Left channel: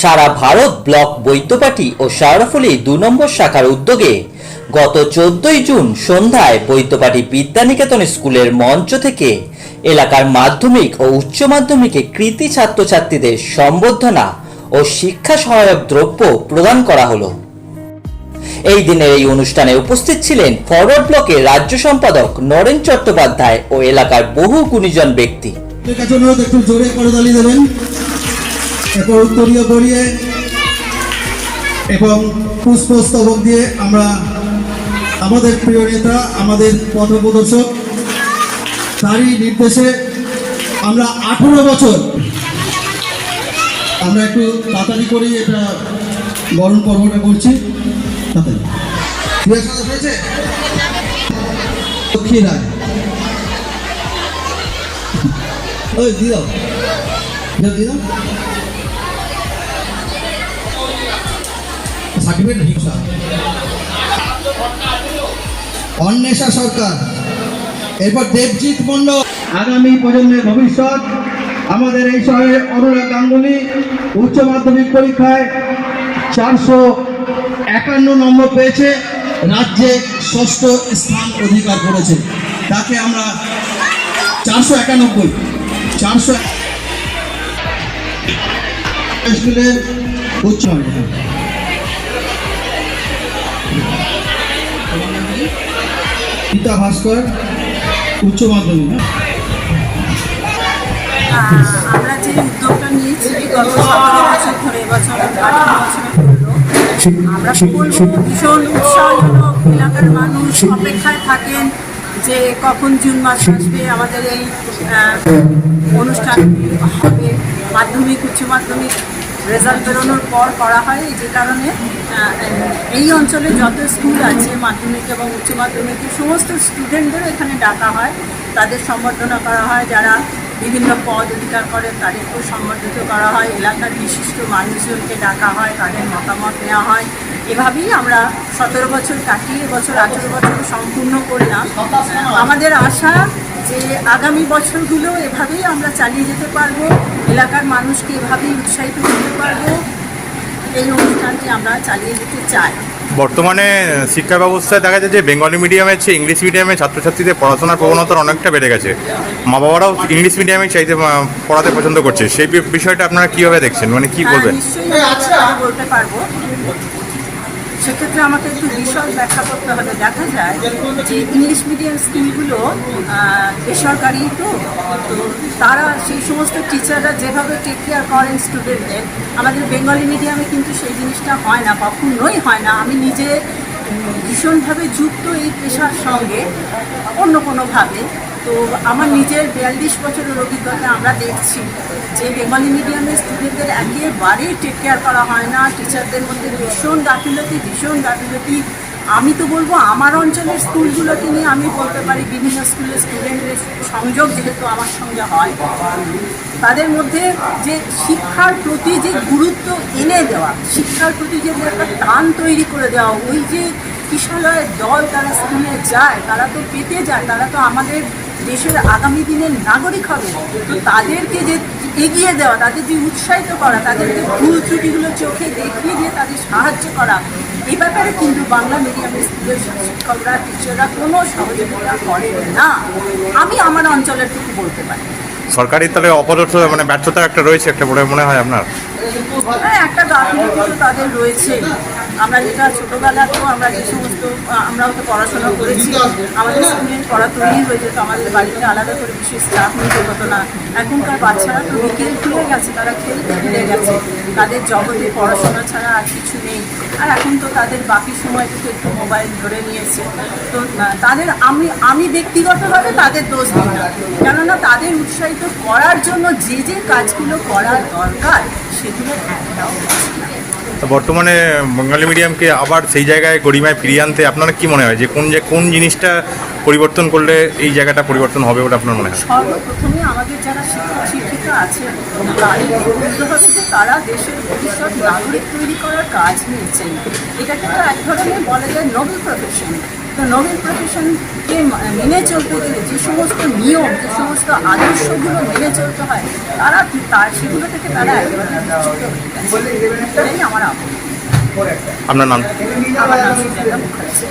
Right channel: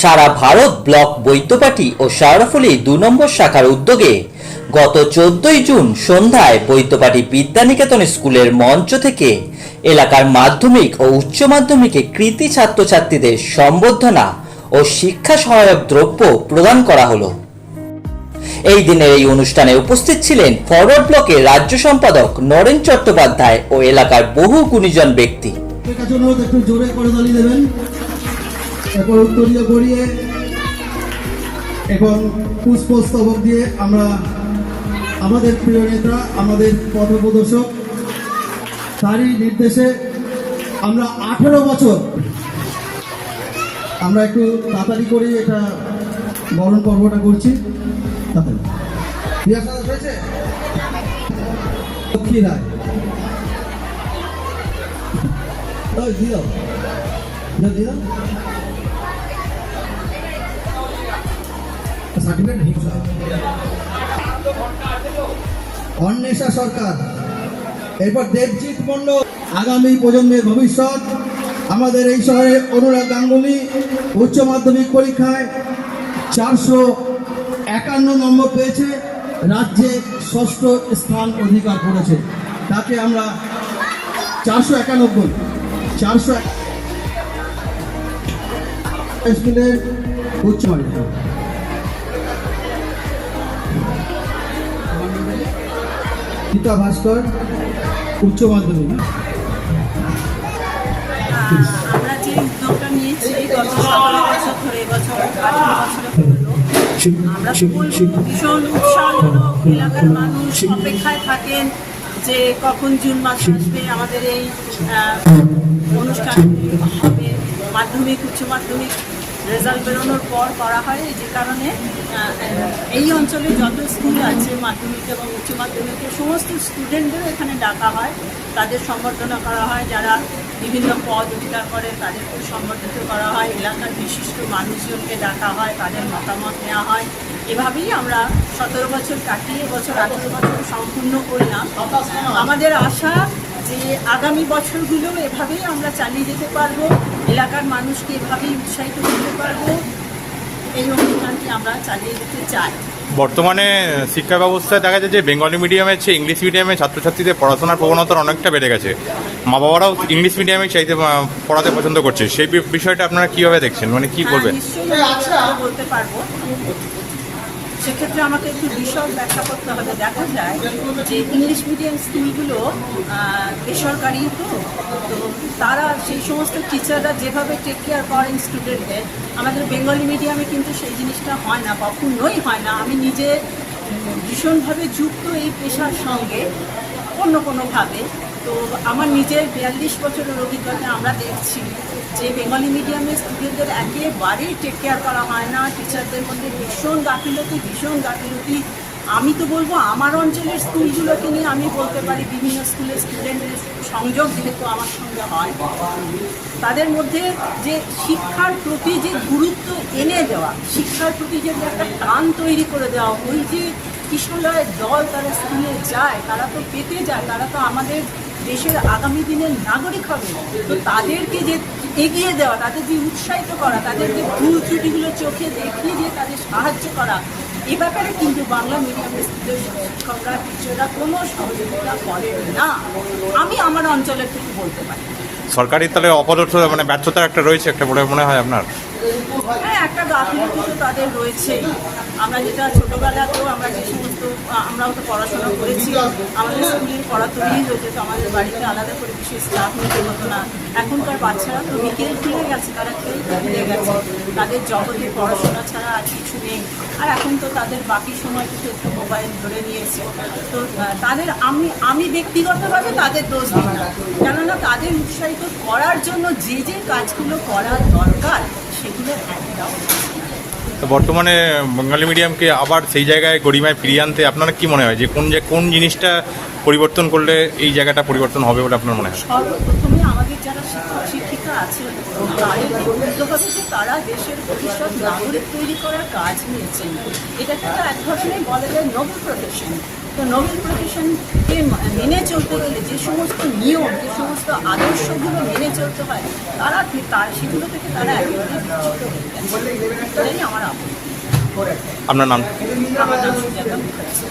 সারা Bharat block Baidyabati ও শেওড়াফুলি ২ নম্বর শাখার উদ্যোগে গত ১৪ই জুন সন্ধ্যায় বৈদ্যবাটি বিদ্যানিকেতন স্কুলের মঞ্চ থেকে এলাকার মাধ্যমিক ও উচ্চ মাধ্যমিকে কৃতী ছাত্রছাত্রীদের সম্বর্ধনা ও শিক্ষা সহায়ক দ্রব্য প্রদান করা হলো। এই দিনের এই অনুষ্ঠানে উপস্থিত ছিলেন ফরওয়ার্ড ব্লকের রাজ্য সম্পাদক নরেন চট্টোপাধ্যায় ও এলাকার বহু গুণীজন ব্যক্তি। এবং পুষ্পস্তবক দিয়ে আমরা আমাদের প্রিয় নেতা, আমাদের পথপ্রদর্শক, তারই নির্দেশে আমরা 18 বছর আমরা একটু তাড়াতাড়ি করে এটা বরণ পর্বটা করছি। লক্ষ্মী রায় অন্বেষা সরকার, এরপর দেবজিৎ মন্ডল। আগামী প্রজন্মের ভবিষ্যৎ আমাদের এই শহরে অনুরাগ গাঙ্গুলি উচ্চ মাধ্যমিক পরীক্ষায় 451 নম্বর পেয়েছে, রাজ্যে 6ষ্ঠ স্থান অধিকার করেছে। তাকে আমরা 491 স্কুলের উচ্চ মাধ্যমিক গীতা ভাস্কর উচ্চ মাধ্যমিক। আমরা যে উদ্যোগটা নিয়েছি গত 17 বছর ধরে, এবছর আমরা ভীষণ উৎসাহজনক। এলাকার মানুষ অপেক্ষায় থাকেন যে কখন জুন মাস আসবে, আমাদের এই অনুষ্ঠান হবে। মাধ্যমিক উচ্চ মাধ্যমিক রেজাল্ট বেরোনোর পর করা হয়, যে কারণে এই অঞ্চলে যত স্কুল আছে মাধ্যমিক এবং উচ্চ মাধ্যমিকের সমস্ত স্টুডেন্টদেরও এখানে ডাকা হয়, তাদের সম্বর্ধনা করা হয়। যারা বিভিন্ন পদ অধিকার করেন তাদেরকেও সম্মানিত করা হয়, এলাকার বিশিষ্ট মানুষজনকে ডাকা হয়, তাদের মতামত নেওয়া হয়। এভাবেই আমরা 17 বছর কাটিয়ে এবছর 18 বছর সম্পূর্ণ করলাম। আমাদের আশা যে আগামী বছরগুলো এভাবেই আমরা চালিয়ে যেতে পারবো, এলাকার মানুষকে এভাবেই উৎসাহিত করতে পারবো। এই অনুষ্ঠানটি আমরা চালিয়ে যেতে চাই। বর্তমানে শিক্ষা ব্যবস্থায় দেখা যায় যে বেঙ্গলি মিডিয়ামের চেয়ে ইংলিশ মিডিয়ামে ছাত্রছাত্রীদের পড়াশোনার প্রবণতা অনেকটা বেড়ে গেছে। মা বাবারাও ইংলিশ মিডিয়ামে চাইতে পড়াতে পছন্দ করছে। সেই বিষয়টা আপনারা কীভাবে দেখছেন, মানে কী করবেন? নিশ্চয়ই বলতে পারবো। সেক্ষেত্রে আমাকে একটু বিশদ ব্যাখ্যা করতে হবে। দেখা যায় যে ইংলিশ মিডিয়াম স্কুলগুলো বেসরকারি, তো তারা সেই সমস্ত টিচাররা যেভাবে টেক কেয়ার করেন স্টুডেন্টদের, আমাদের বেঙ্গলি মিডিয়ামে কিন্তু সেই জিনিসটা হয় না, কখনোই হয় না। আমি নিজে ভীষণভাবে যুক্ত এই পেশার সঙ্গে অন্য কোনোভাবে। তো আমার নিজের 42 বছরের অভিজ্ঞতা আমরা দেখছি যে বেঙ্গলি মিডিয়ামের স্টুডেন্টদের একেবারেই টেক কেয়ার করা হয় না, টিচারদের মধ্যে ভীষণ গাফিলতি। আমি তো বলবো আমার অঞ্চলের স্কুলগুলোকে নিয়ে আমি বলতে পারি, বিভিন্ন স্কুলের স্টুডেন্টদের সংযোগ যেহেতু আমার সঙ্গে হয়, তাদের মধ্যে যে শিক্ষার প্রতি যে গুরুত্ব এনে দেওয়া, শিক্ষার প্রতি যে একটা টান তৈরি করে দেওয়া, ওই যে কিশোরীর দল তারা স্কুলে যায়, তারা তো পেতে যায়, তারা তো আমাদের দেশের আগামী দিনের নাগরিক হবে। তো তাদেরকে যে এগিয়ে দেওয়া, তাদের যে উৎসাহিত করা, তাদেরকে ভুল ত্রুটিগুলো চোখে দেখিয়ে দিয়ে তাদের সাহায্য করা, এই ব্যাপারে কিন্তু বাংলা মিডিয়ামের স্কুলের শিক্ষকরা, টিচাররা কোনো সহযোগিতা করেন না। আমি আমার অঞ্চলের টুকু বলতে পারি। সরকারি তলে অপদর্থ মানে ব্যর্থতা একটা রয়েছে, একটা বলে মনে হয় আপনার? হ্যাঁ, একটা গাফিলতি তো তাদের রয়েছে। আমরা যেটা ছোটোবেলাতেও আমরা যে সমস্ত আমরাও তো পড়াশোনা করেছি, আমাদের স্কুলের পড়া তৈরি হয়ে যেত, আমাদের বাড়িতে আলাদা করে বিশেষ স্টাফ নিতে হতো না। এখনকার বাচ্চারা তো বিকেল খুলে গেছে, তারা খেলতে ফিরে গেছে, তাদের জগতে পড়াশোনা ছাড়া আর কিছু নেই। আর এখন তো তাদের বাকি সময় থেকে একটু মোবাইল ধরে নিয়েছে। তো তাদের আমি ব্যক্তিগতভাবে তাদের দোষ দিই না, কেননা তাদের উৎসাহিত করার জন্য যে যে কাজগুলো করার দরকার সেগুলোর একটাও। বর্তমানে বেঙ্গলি মিডিয়ামকে আবার সেই জায়গায় গরিমায় ফিরিয়ে আনতে আপনারা কি মনে হয় যে কোন জিনিসটা পরিবর্তন করলে এই জায়গাটা পরিবর্তন হবে বলে আপনার মনে হয়? সর্বপ্রথমে আমাদের যারা শিক্ষক শিক্ষিকা আছেন তাদেরকে বুঝতে হবে যে তারা দেশের ভবিষ্যৎ নাগরিক তৈরি করার কাজ নিয়েছেন। এটা কিন্তু এক ধরনের বলা যায় নোবেল প্রফেশন। তো নোবেল প্রফেশনকে মেনে চলতে গেলে যে সমস্ত নিয়ম, যে সমস্ত আদর্শগুলো মেনে চলতে হয়, সেগুলো থেকে তারা একেবারে বিচ্যুত হয়ে গেছে। এটাই আমার আপত্তি। আপনার নাম? আমার নাম সুজাতা মুখার্জি।